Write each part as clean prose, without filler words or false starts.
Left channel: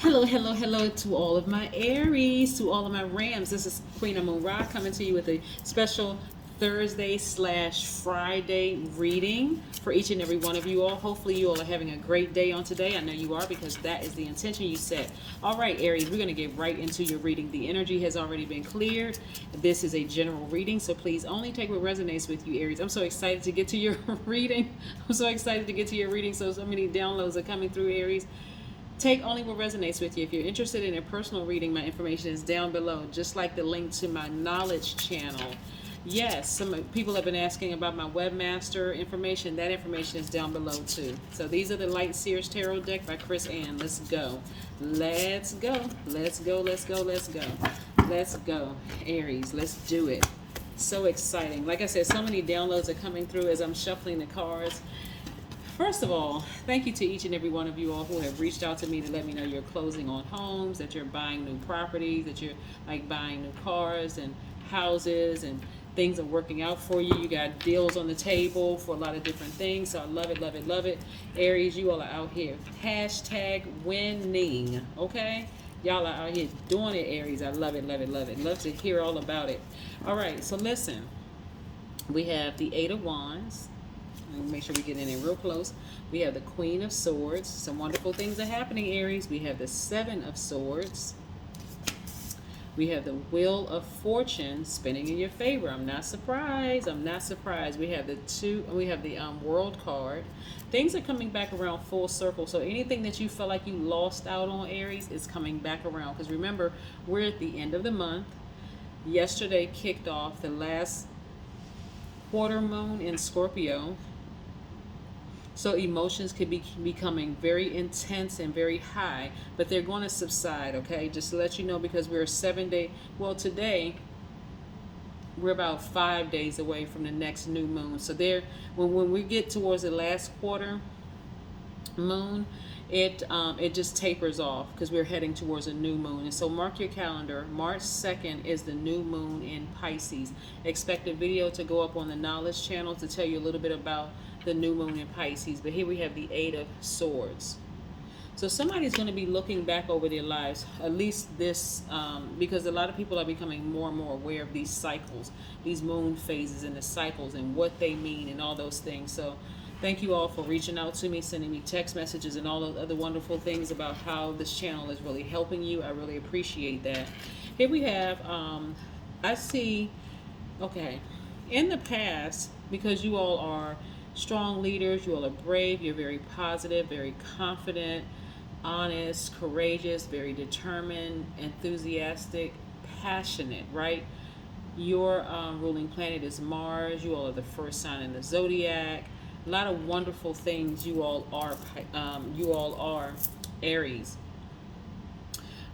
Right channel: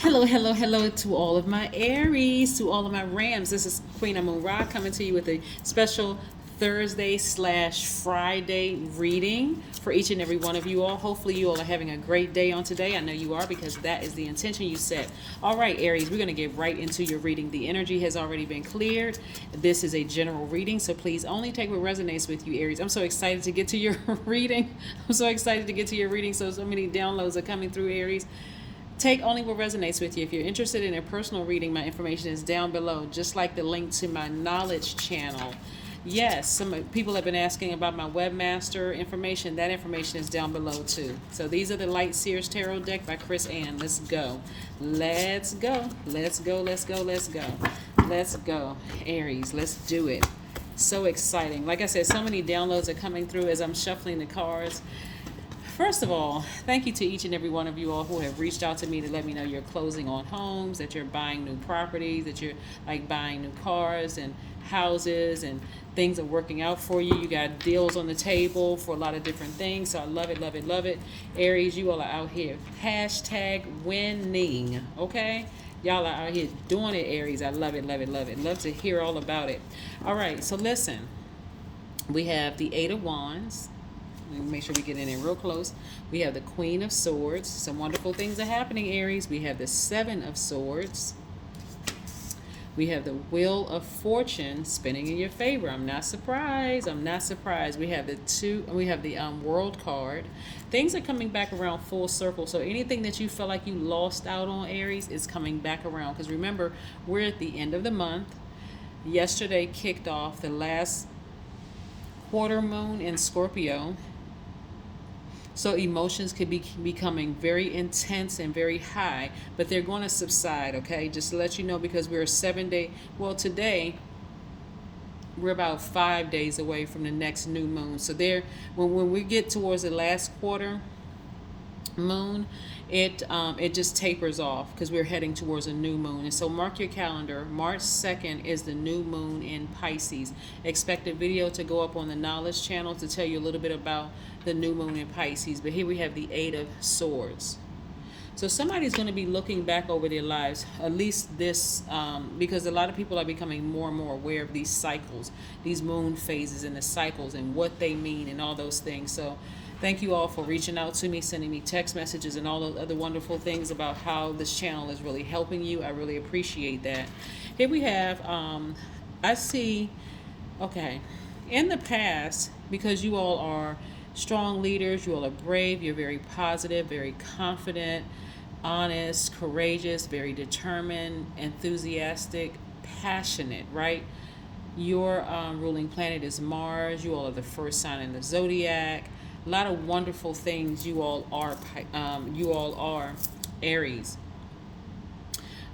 Hello, hello, hello to all of my Aries, to all of my Rams. This is Queen Amun Ra coming to you with a special Thursday/Friday reading for each and every one of you all. Hopefully, you all are having a great day on today. I know you are because that is the intention you set. All right, Aries, we're going to get right into your reading. The energy has already been cleared. This is a general reading, so please only take what resonates with you, Aries. I'm so excited to get to your reading. I'm so excited to get to your reading. So many downloads are coming through, Aries. Take only what resonates with you. If you're interested in a personal reading, my information is down below, just like the link to my knowledge channel. Yes, some people have been asking about my webmaster information. That information is down below too. So these are the Light Seers Tarot deck by Chris Ann. Let's go. Let's go. Let's go. Let's go. Let's go. Let's go. Aries, let's do it. So exciting. Like I said, so many downloads are coming through as I'm shuffling the cards. First of all, thank you to each and every one of you all who have reached out to me to let me know you're closing on homes, that you're buying new properties, that you're like buying new cars and houses, and things are working out for you. You got deals on the table for a lot of different things. So I love it, love it, love it. Aries, you all are out here. Hashtag winning. Okay? Y'all are out here doing it, Aries. I love it, love it, love it. Love to hear all about it. All right, so listen. We have the Eight of Wands. Make sure we get in there real close. We have the Queen of Swords. Some wonderful things are happening, Aries. We have the Seven of Swords. We have the Wheel of Fortune spinning in your favor. I'm not surprised. I'm not surprised. We have the World card. Things are coming back around full circle. So anything that you felt like you lost out on, Aries, is coming back around. Because remember, we're at the end of the month. Yesterday kicked off the last quarter moon in Scorpio. So emotions could be becoming very intense and very high, but they're going to subside, okay? Just to let you know, because we're 7 day, well, today we're about 5 days away from the next new moon. So there, when we get towards the last quarter moon, it just tapers off because we're heading towards a new moon. And so mark your calendar. March 2nd is the new moon in Pisces. Expect a video to go up on the knowledge channel to tell you a little bit about the new moon in Pisces. But here we have the Eight of Swords. So somebody's going to be looking back over their lives, at least this, because a lot of people are becoming more and more aware of these cycles, these moon phases and the cycles and what they mean and all those things. So thank you all for reaching out to me, sending me text messages and all the other wonderful things about how this channel is really helping you. I really appreciate that. Here we have, I see, okay, in the past, because you all are strong leaders, you all are brave, you're very positive, very confident, honest, courageous, very determined, enthusiastic, passionate, right? Your ruling planet is Mars. You all are the first sign in the Zodiac. A lot of wonderful things you all are. You all are Aries.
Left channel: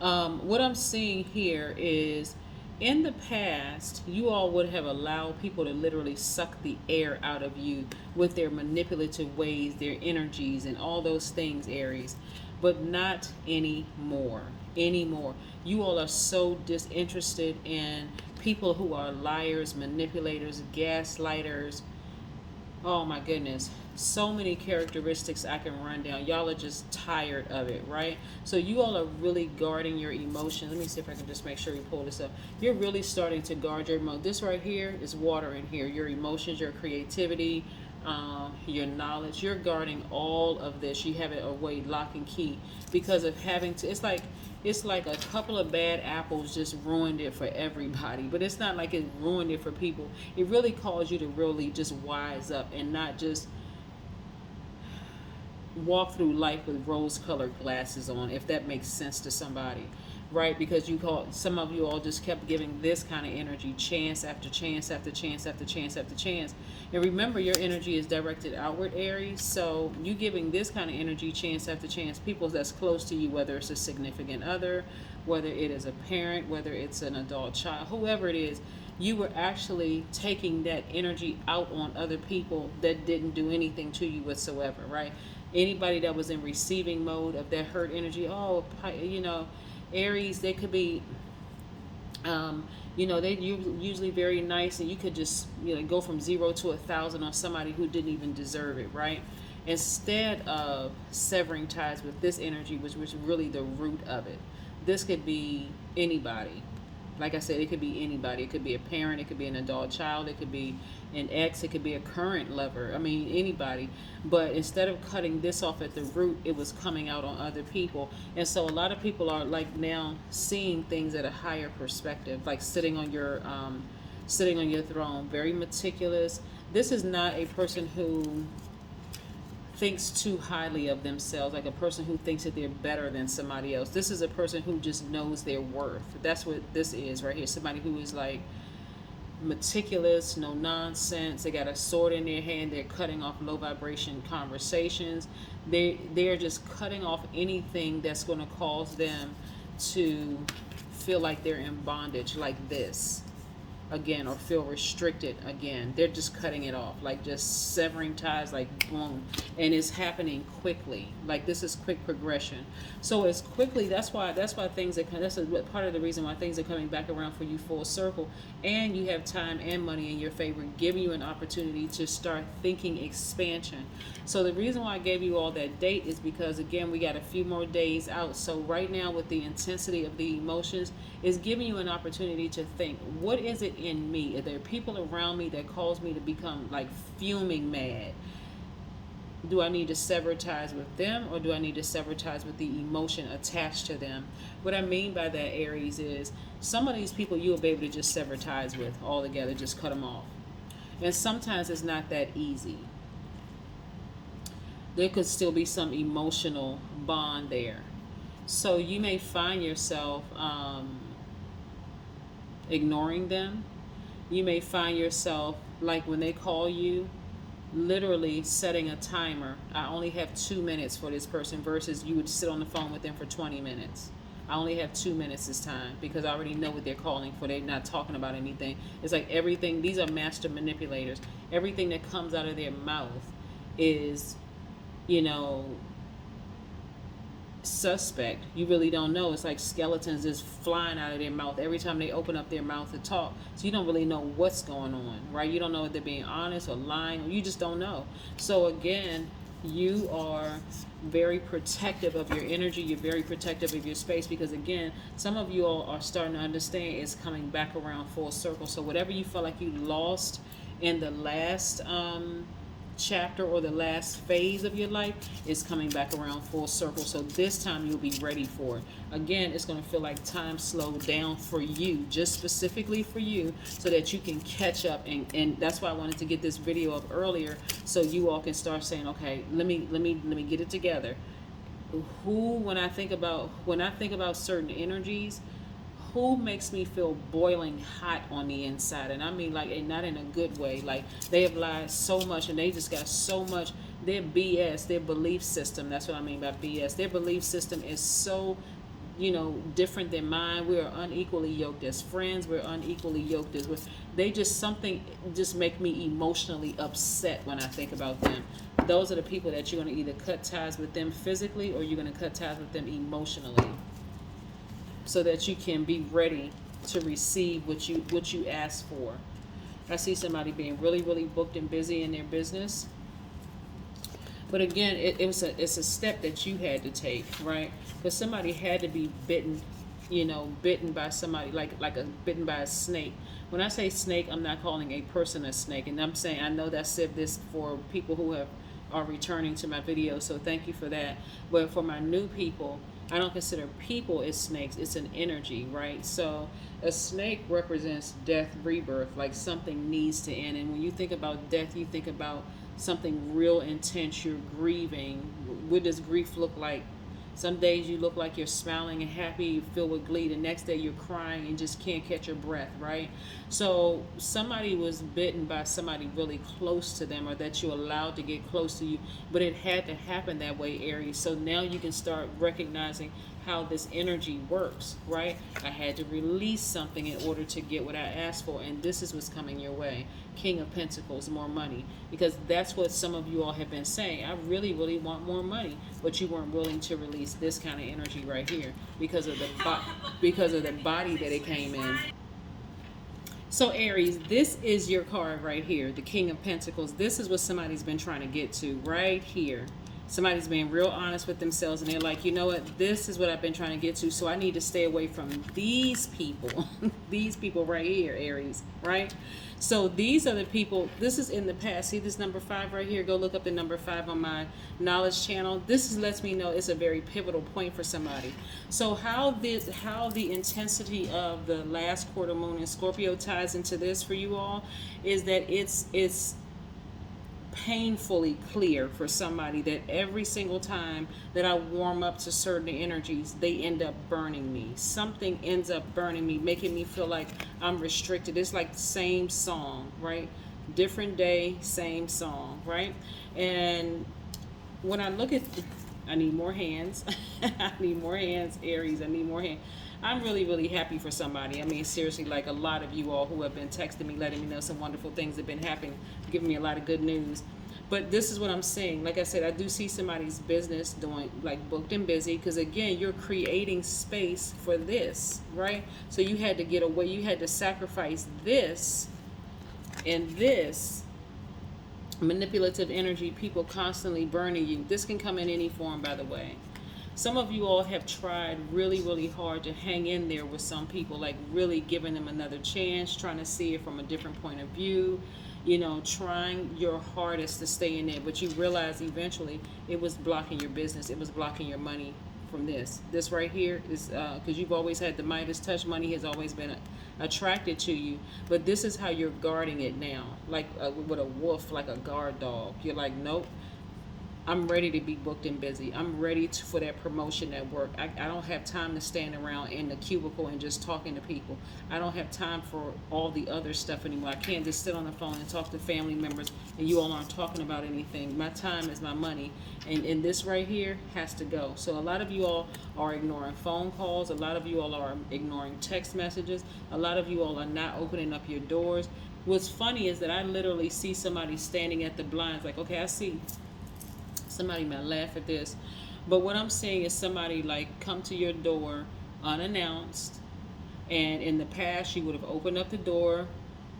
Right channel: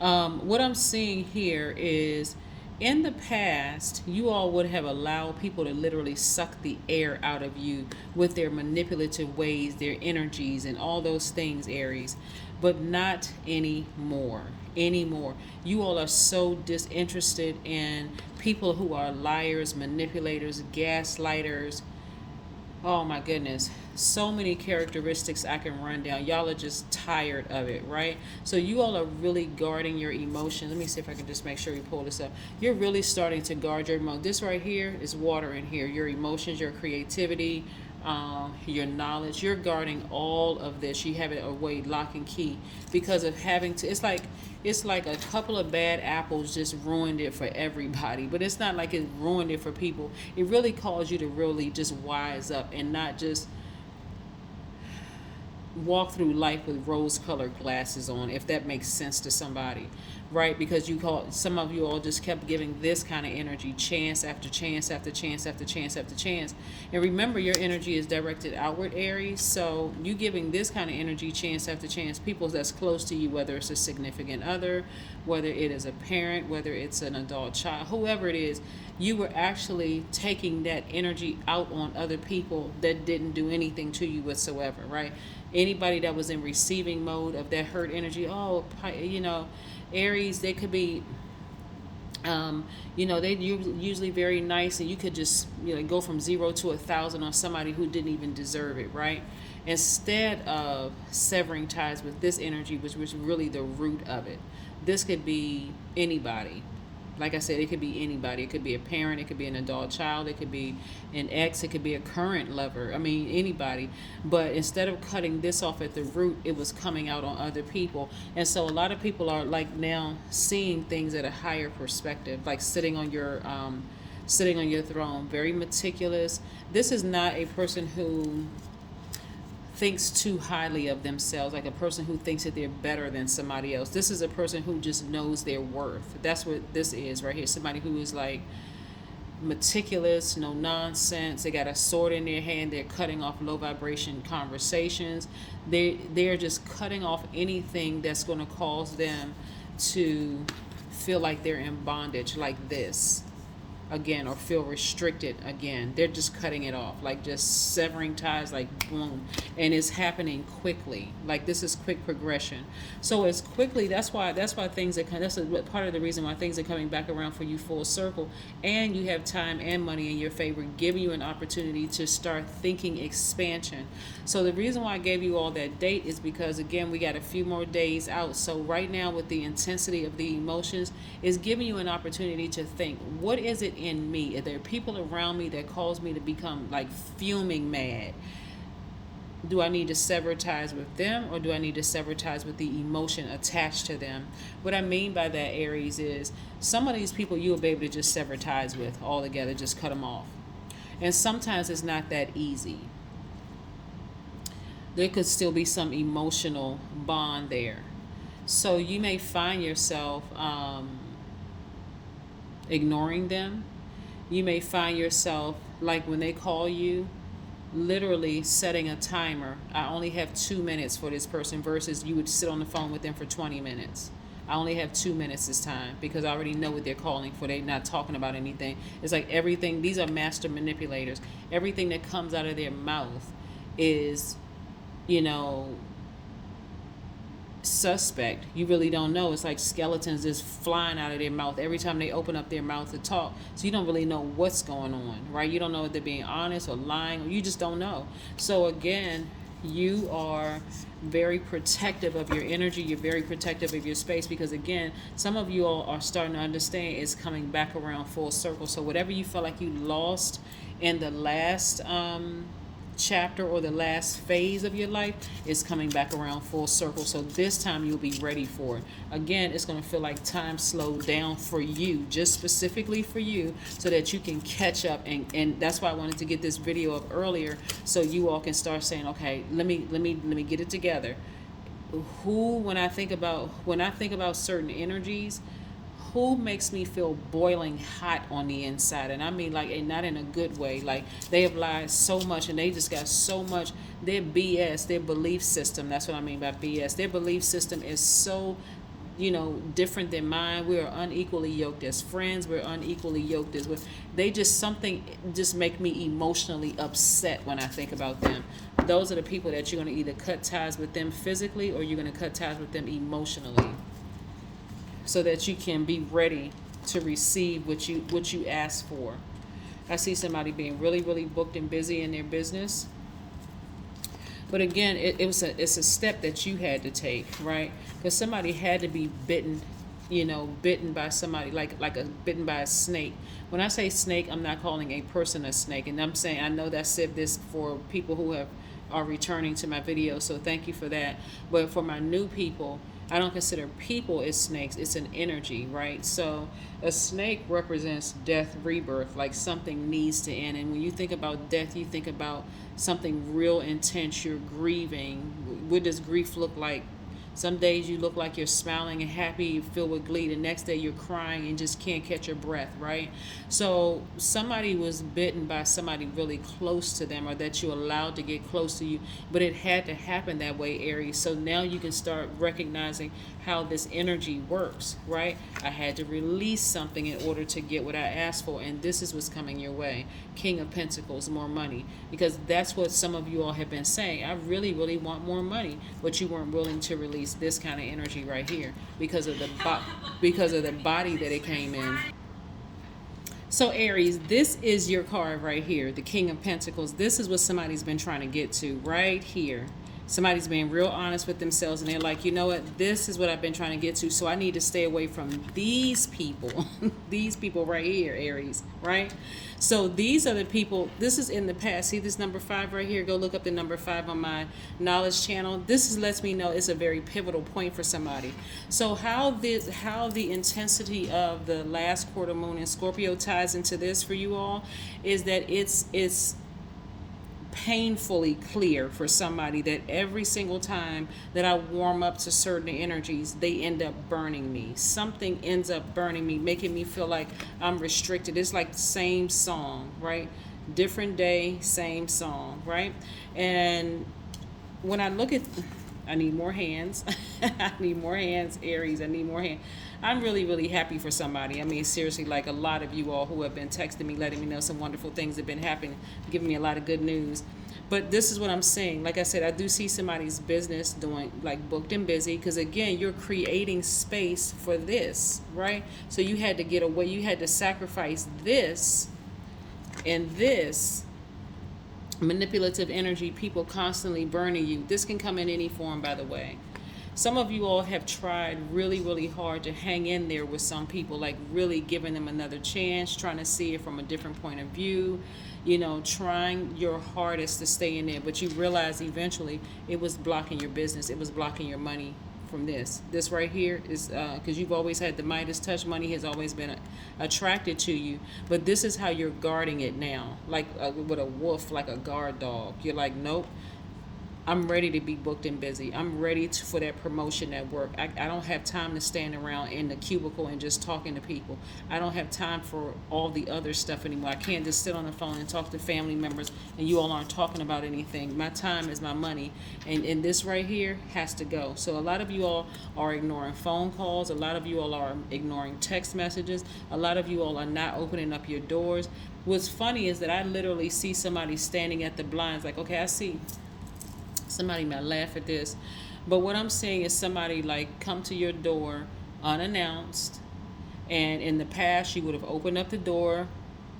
What I'm seeing here is, in the past, you all would have allowed people to literally suck the air out of you with their manipulative ways, their energies, and all those things, Aries. But not anymore. Anymore. You all are so disinterested in people who are liars, manipulators, gaslighters. Oh my goodness. So many characteristics I can run down. Y'all are just tired of it, right? So you all are really guarding your emotions. Let me see if I can just make sure we pull this up. You're really starting to guard your emotions. This right here is water in here. Your emotions, your creativity, your knowledge. You're guarding all of this. You have it away, lock and key, because of having to. It's like a couple of bad apples just ruined it for everybody. But it's not like it ruined it for people. It really caused you to really just wise up and not just walk through life with rose-colored glasses on, if that makes sense to somebody, right? Because some of you all just kept giving this kind of energy chance after chance after chance after chance after chance. And remember, your energy is directed outward, Aries. So you giving this kind of energy chance after chance, people that's close to you, whether it's a significant other, whether it is a parent, whether it's an adult child, whoever it is, you were actually taking that energy out on other people that didn't do anything to you whatsoever, right? Anybody that was in receiving mode of that hurt energy, Aries, they could be, they usually very nice, and you could just go from 0 to 1,000 on somebody who didn't even deserve it, right? instead of severing ties with this energy, which was really the root of it. This could be anybody. Like I said, it could be anybody. It could be a parent, it could be an adult child, it could be an ex, it could be a current lover. I mean, anybody. But instead of cutting this off at the root, it was coming out on other people. And so a lot of people are like now seeing things at a higher perspective, like sitting on your throne, very meticulous. This is not a person who thinks too highly of themselves, like a person who thinks that they're better than somebody else. This is a person who just knows their worth. That's what this is right here. Somebody who is like meticulous, no nonsense. They got a sword in their hand. They're cutting off low vibration conversations. They're just cutting off anything that's going to cause them to feel like they're in bondage, like this again, or feel restricted again. They're just cutting it off, like just severing ties, like boom. And it's happening quickly. Like this is quick progression. So it's quickly, that's why things are that's part of the reason why things are coming back around for you full circle. And you have time and money in your favor, giving you an opportunity to start thinking expansion. So the reason why I gave you all that date is because, again, we got a few more days out. So right now, with the intensity of the emotions, is giving you an opportunity to think, what is it in me? Are there people around me that cause me to become like fuming mad? Do I need to sever ties with them, or do I need to sever ties with the emotion attached to them? What I mean by that, Aries, is some of these people you will be able to just sever ties with altogether, just cut them off. And sometimes it's not that easy. There could still be some emotional bond there. So you may find yourself ignoring them. You may find yourself, like when they call you, literally setting a timer. I only have 2 minutes for this person, versus you would sit on the phone with them for 20 minutes. I only have 2 minutes this time because I already know what they're calling for. They're not talking about anything. It's like everything, these are master manipulators. Everything that comes out of their mouth is, suspect. You really don't know. It's like skeletons just flying out of their mouth every time they open up their mouth to talk. So you don't really know what's going on, right? You don't know if they're being honest or lying. You just don't know. So again, you are very protective of your energy. You're very protective of your space, because again, some of you all are starting to understand it's coming back around full circle. So whatever you felt like you lost in the last chapter or the last phase of your life is coming back around full circle. So this time you'll be ready for it. Again, it's going to feel like time slowed down for you, just specifically for you, so that you can catch up. And that's why I wanted to get this video up earlier, so you all can start saying, okay, let me get it together. When I think about certain energies, who makes me feel boiling hot on the inside? And I mean, like, and not in a good way. Like, they have lied so much, and they just got so much. Their BS, their belief system, that's what I mean by BS. Their belief system is so, different than mine. We are unequally yoked as friends. We're unequally yoked as something just make me emotionally upset when I think about them. Those are the people that you're going to either cut ties with them physically, or you're going to cut ties with them emotionally, so that you can be ready to receive what you ask for. I see somebody being really, really booked and busy in their business. But again, it's a step that you had to take, right? Because somebody had to be bitten by somebody, bitten by a snake. When I say snake, I'm not calling a person a snake. And I'm saying, I know that I said this for people who are returning to my video, so thank you for that. But for my new people, I don't consider people as snakes. It's an energy, right? So a snake represents death, rebirth, like something needs to end. And when you think about death, you think about something real intense. You're grieving. What does grief look like? Some days you look like you're smiling and happy, you filled with glee. The next day you're crying and just can't catch your breath, right? So somebody was bitten by somebody really close to them, or that you allowed to get close to you. But it had to happen that way, Aries. So now you can start recognizing how this energy works, right? I had to release something in order to get what I asked for, and this is what's coming your way. King of Pentacles, more money. Because that's what some of you all have been saying. I really, really want more money, but you weren't willing to release this kind of energy right here because of the body that it came in. So Aries, this is your card right here, the King of Pentacles. This is what somebody's been trying to get to right here. Somebody's being real honest with themselves and they're like, you know what, this is what I've been trying to get to, so I need to stay away from these people. These people right here, Aries, right? So these are the people, this is in the past. See this number 5 right here? Go look up the number 5 on my knowledge channel. This lets me know it's a very pivotal point for somebody. So how the intensity of the last quarter moon in Scorpio ties into this for you all is that it's painfully clear for somebody that every single time that I warm up to certain energies, they end up burning me. Something ends up burning me, making me feel like I'm restricted. It's like the same song, right? Different day, same song, right? And when I look at, I need more hands. I need more hands, Aries. I need more hands. I'm really, really happy for somebody. I mean, seriously, like a lot of you all who have been texting me, letting me know some wonderful things have been happening, giving me a lot of good news. But this is what I'm saying. Like I said, I do see somebody's business doing like booked and busy because, again, you're creating space for this, right? So you had to get away. You had to sacrifice this and this manipulative energy, people constantly burning you. This can come in any form, by the way. Some of you all have tried really, really hard to hang in there with some people, like really giving them another chance, trying to see it from a different point of view, you know, trying your hardest to stay in there. But you realize eventually it was blocking your business. It was blocking your money from this. This right here is because you've always had the Midas touch. Money has always been attracted to you. But this is how you're guarding it now, like with a wolf, like a guard dog. You're like, nope. I'm ready to be booked and busy. I'm ready for that promotion at work. I don't have time to stand around in the cubicle and just talking to people. I don't have time for all the other stuff anymore. I can't just sit on the phone and talk to family members and you all aren't talking about anything. My time is my money. And this right here has to go. So a lot of you all are ignoring phone calls. A lot of you all are ignoring text messages. A lot of you all are not opening up your doors. What's funny is that I literally see somebody standing at the blinds like, okay, I see. Somebody might laugh at this, but what I'm saying is somebody like come to your door unannounced, and in the past you would have opened up the door,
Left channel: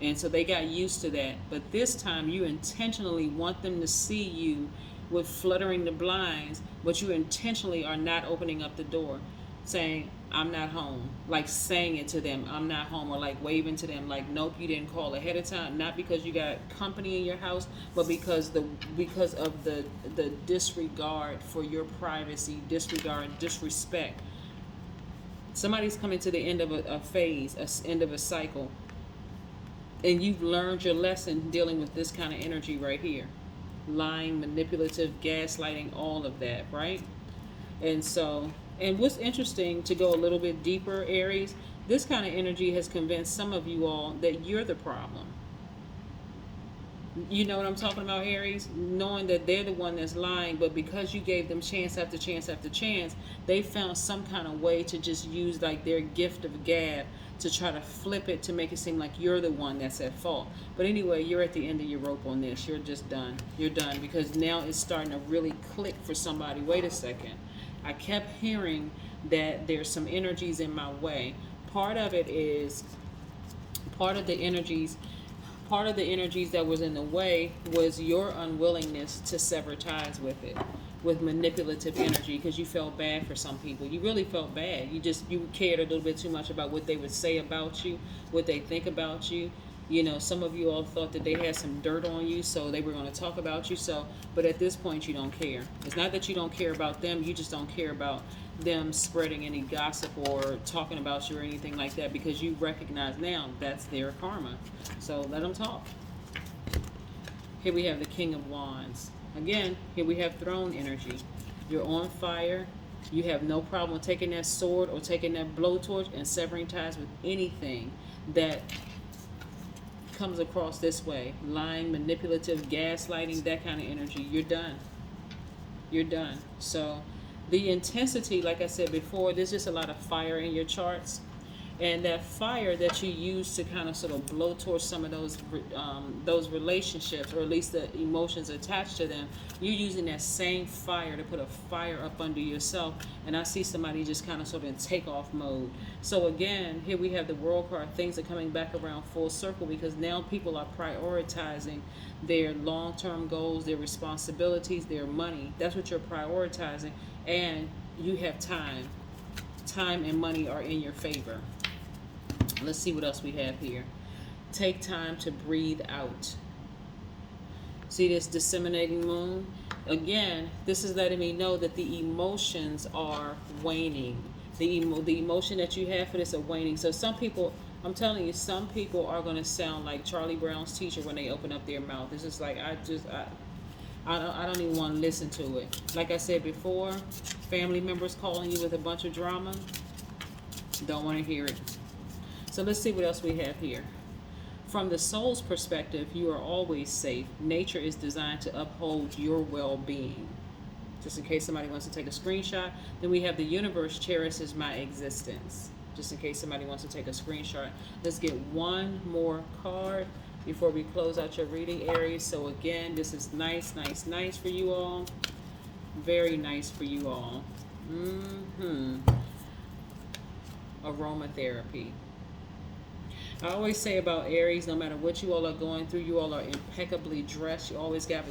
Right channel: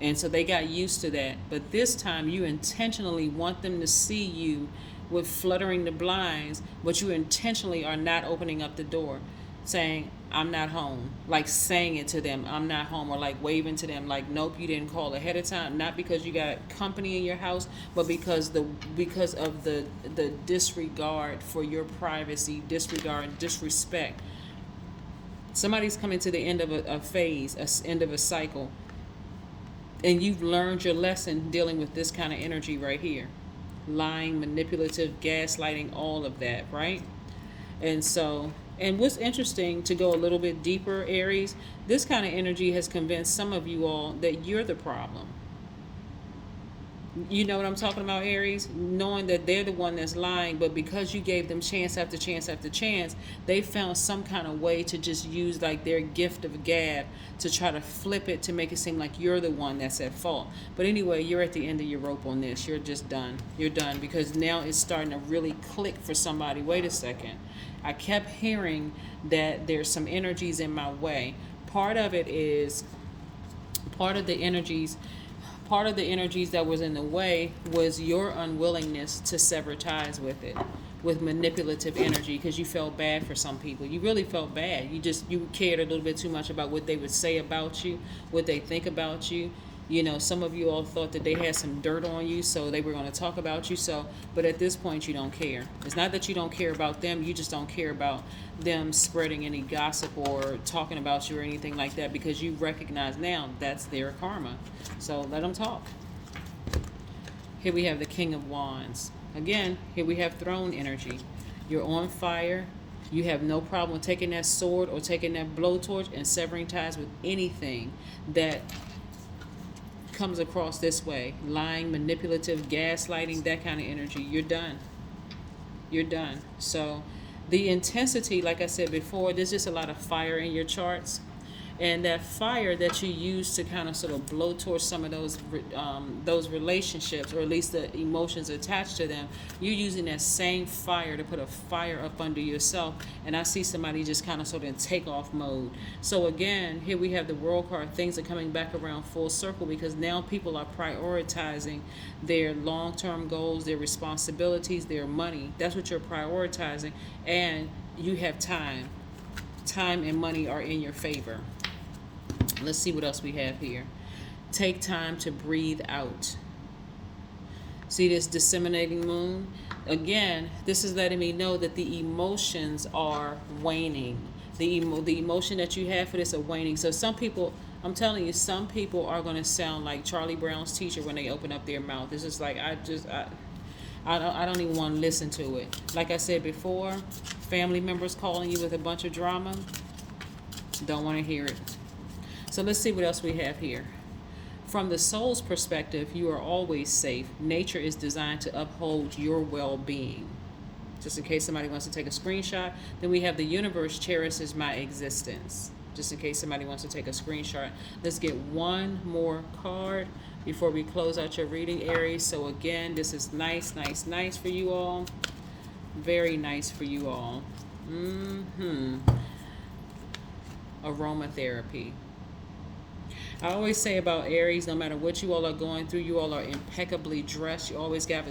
and so they got used to that. But this time you intentionally want them to see you with fluttering the blinds, but you intentionally are not opening up the door, saying, I'm not home, like saying it to them, I'm not home, or like waving to them like, nope, you didn't call ahead of time, not because you got company in your house, but because of the disregard for your privacy, disrespect. Somebody's coming to the end of a phase, end of a cycle, and you've learned your lesson dealing with this kind of energy right here. Lying, manipulative, gaslighting, all of that, right? And so, and what's interesting, to go a little bit deeper, Aries, this kind of energy has convinced some of you all that you're the problem. You know what I'm talking about, Aries? Knowing that they're the one that's lying, but because you gave them chance after chance after chance, they found some kind of way to just use like their gift of gab to try to flip it to make it seem like you're the one that's at fault. But anyway, you're at the end of your rope on this. You're just done. You're done because now it's starting to really click for somebody. Wait a second. I kept hearing that there's some energies in my way. Part of it is, part of the energies that was in the way was your unwillingness to sever ties with it, with manipulative energy, because you felt bad for some people. You really felt bad. You cared a little bit too much about what they would say about you, what they think about you. You know, some of you all thought that they had some dirt on you, so they were going to talk about you. So, but at this point, you don't care. It's not that you don't care about them. You just don't care about them spreading any gossip or talking about you or anything like that, because you recognize now that's their karma. So let them talk. Here we have the King of Wands. Again, here we have throne energy. You're on fire. You have no problem taking that sword or taking that blowtorch and severing ties with anything that comes across this way. Lying, manipulative, gaslighting, that kind of energy. You're done. You're done. So the intensity, like I said before, there's just a lot of fire in your charts. And that fire that you use to kind of sort of blow towards some of those relationships, or at least the emotions attached to them, you're using that same fire to put a fire up under yourself. And I see somebody just kind of sort of in takeoff mode. So again, here we have the World card. Things are coming back around full circle, because now people are prioritizing their long-term goals, their responsibilities, their money. That's what you're prioritizing. And you have time. Time and money are in your favor. Let's see what else we have here. Take time to breathe out. See this disseminating moon? Again, this is letting me know that the emotions are waning. The emotion that you have for this are waning. So some people, I'm telling you, some people are going to sound like Charlie Brown's teacher when they open up their mouth. It's just like, I don't even want to listen to it. Like I said before, family members calling you with a bunch of drama, don't want to hear it. So let's see what else we have here. From the soul's perspective, you are always safe. Nature is designed to uphold your well-being. Just in case somebody wants to take a screenshot, then we have the universe cherishes my existence. Just in case somebody wants to take a screenshot. Let's get one more card before we close out your reading, Aries. So again, this is nice for you all. Very nice for you all. Aromatherapy. I always say about Aries, no matter what you all are going through, you all are impeccably dressed. You always get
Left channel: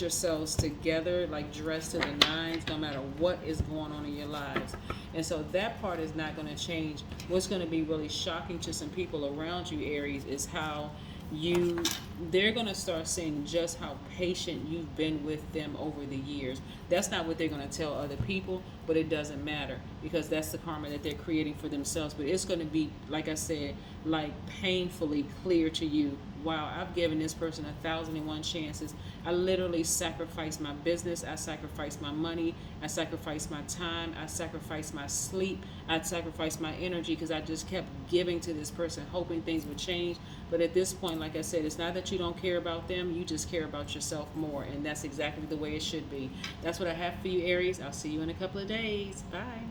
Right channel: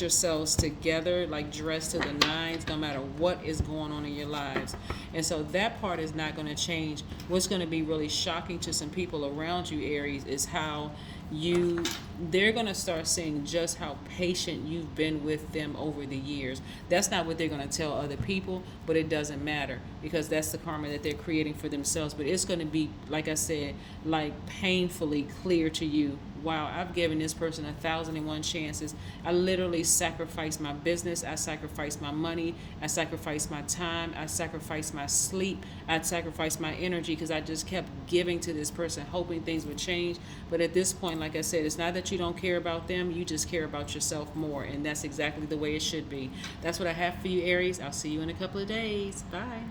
yourselves together, like dressed to the nines, no matter what is going on in your lives. And so that part is not going to change. What's going to be really shocking to some people around you, Aries, is how they're going to start seeing just how patient you've been with them over the years. That's not what they're going to tell other people, but it doesn't matter, because that's the karma that they're creating for themselves. But it's going to be, like I said, like painfully clear to you. Wow, I've given this person 1,001 chances. I literally sacrificed my business. I sacrificed my money. I sacrificed my time. I sacrificed my sleep. I sacrificed my energy, because I just kept giving to this person, hoping things would change. But at this point, like I said, it's not that you don't care about them. You just care about yourself more. And that's exactly the way it should be. That's what I have for you, Aries. I'll see you in a couple of days. Bye.